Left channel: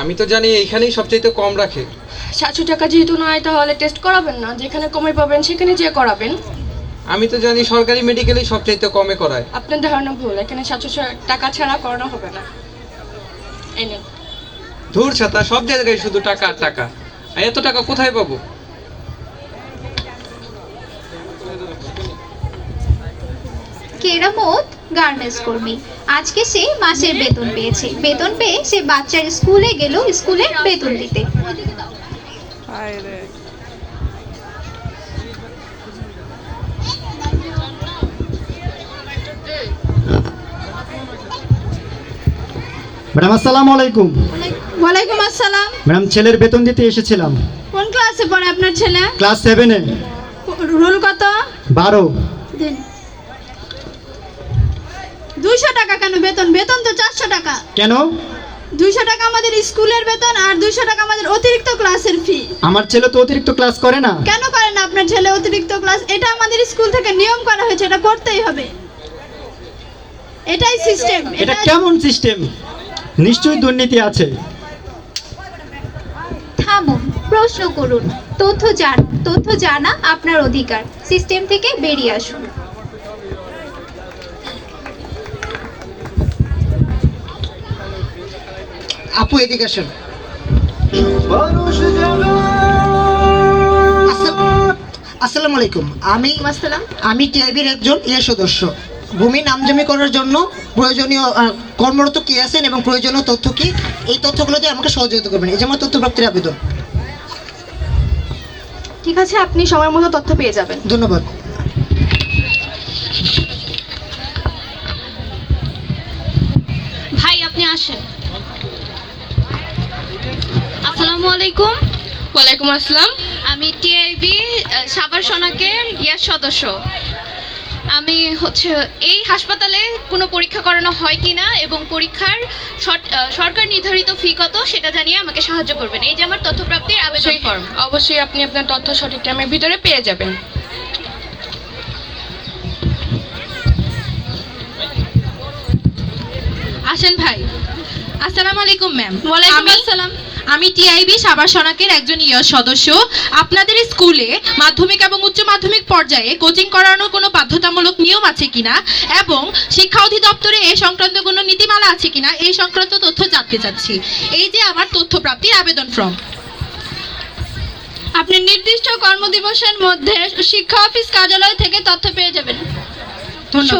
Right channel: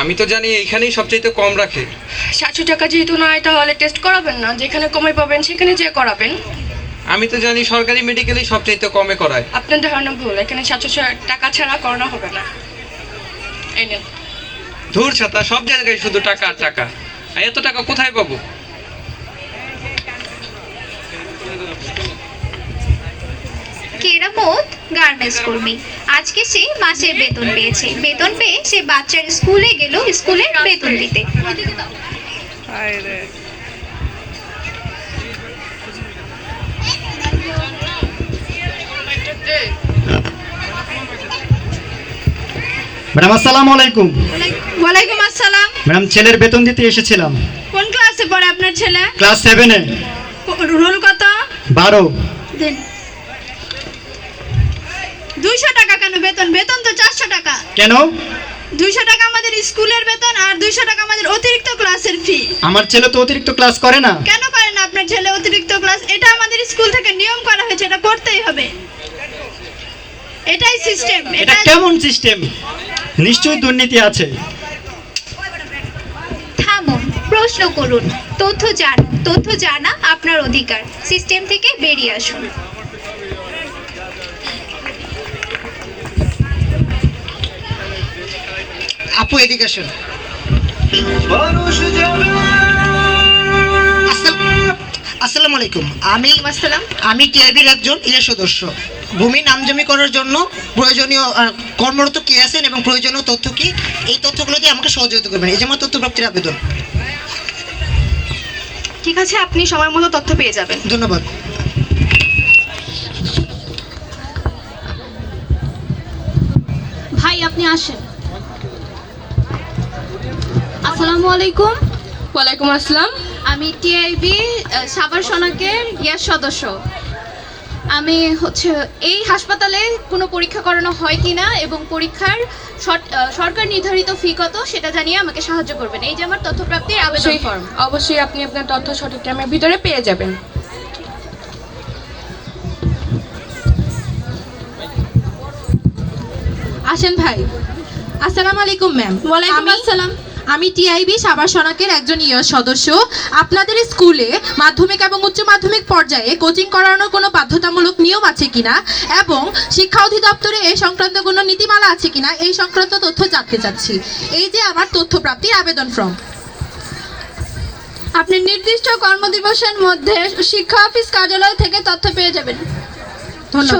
আমি তো জানি এইখানেই সবচাইতে কম রাখে। 700 টাকা যেহেতু নয় তাহলে টেস্ট করাবেন না, যেখানে কমে পাবেন সেখানে যেয়ে করাবেন। আমি তো জানি সরকারি মেডিকেলেই সবচাইতে কমে করায়। আপনার ধারণা ভুল, এখানে 700 টাকা ছাড়া করানো হবে না। এই নেন। ধুর ছাতা, সব জায়গায় শুধু টাকা আর টাকা। আর এত টাকা কোথায় পাবো? কেরামত গার্মেন্টস কর্মী, আজকে সে মাসের বেতন পেয়েছে। বেতন পেয়ে সে বাচ্চার স্কুলে গেল স্কুলে বেতন দিতে। ম্যাডাম আসসালামু আলাইকুম। ওয়ালাইকুম আসসালাম। ম্যাডাম ছেলের বেতন দিতে এসেছিলাম। কোন ক্লাসে পড়ে আপনার ছেলে? ক্লাস 7-এ। রোল কত? 12। দেন। 200 টাকা কেন বেতন? বেতন তো 400 টাকা। কেন? 200 টাকা আমাদের স্কুলের বেতন আর 200 টাকা আমাদের অতিরিক্ত ক্লাসের ফি। আমার ছেলে তো অতিরিক্ত ক্লাস করে না। কেন করে না আপনার ছেলে অতিরিক্ত ক্লাস? এটা আমাদের স্কুল থেকে নিয়ম করা হয়েছে, এটা করতেই হবে। এটাই সিস্টেম। এটা কেমন সিস্টেম? নিশ্চয়ই দুর্নীতি আছে। থামুন, প্রশ্ন করুন, তথ্য জানা আপনার অধিকার। সিস্টেম থেকে বেরিয়ে আসুন। আপু এদিকে আসুন। আসসালামু আলাইকুম। আমি টিআইবির একজন সদস্য। ভূমি নামজমি করার জন্য প্রয়োজনীয় কর্মরত কে আছেন এবং প্রয়োজনীয় তথ্য কি, এই তথ্যগুলো দিয়ে আমাকে সহযোগিতা করবেন। এই যে আমার তথ্য প্রাপ্তির আবেদন। ঠিক আছে, আপনি সময় মতো তথ্য পেয়ে যাবেন। ধন্যবাদ। ভাই আপনি আসেন। আসসালামু আলাইকুম। ওয়ালাইকুম আসসালাম। আমি টিআইবি সাভার সনাকের সদস্য। আমি এই হাসপাতালে কোনো পরীক্ষা করানো হয় কিনা এবং পরীক্ষার সরকার নির্ধারিত ফি কত সেটা জানিয়ে আমাকে সাহায্য করবেন। এই যে আমার তথ্যপ্রাপ্তির আবেদন ফর্ম। অবশ্যই আপনি আপনার তথ্য সঠিক টাইমের ভিতরে পেয়ে যাবেন। আসেন ভাই। আসসালামু আলাইকুম ম্যাম। ওয়ালাইকুম আসসালাম। আমি টিআইবি সাভার সনাকের একজন সদস্য। আপনাদের স্কুলে মাধ্যমিক এবং উচ্চ মাধ্যমিক পর্যায়ে কোচিং করানোর কোনো বাধ্যতামূলক নিয়ম আছে কিনা এবং শিক্ষা অধিদপ্তরে এই সংক্রান্ত কোনো নীতিমালা আছে কিনা এই সংক্রান্ত তথ্য জানতে চাচ্ছি। এই যে আমার তথ্য প্রাপ্তির আবেদন ফর্ম। আপনি নির্দিষ্ট কর্মদিবসের মধ্যে শিক্ষা অফিস কার্যালয় থেকে তথ্য পেয়ে যাবেন। ধন্যবাদ।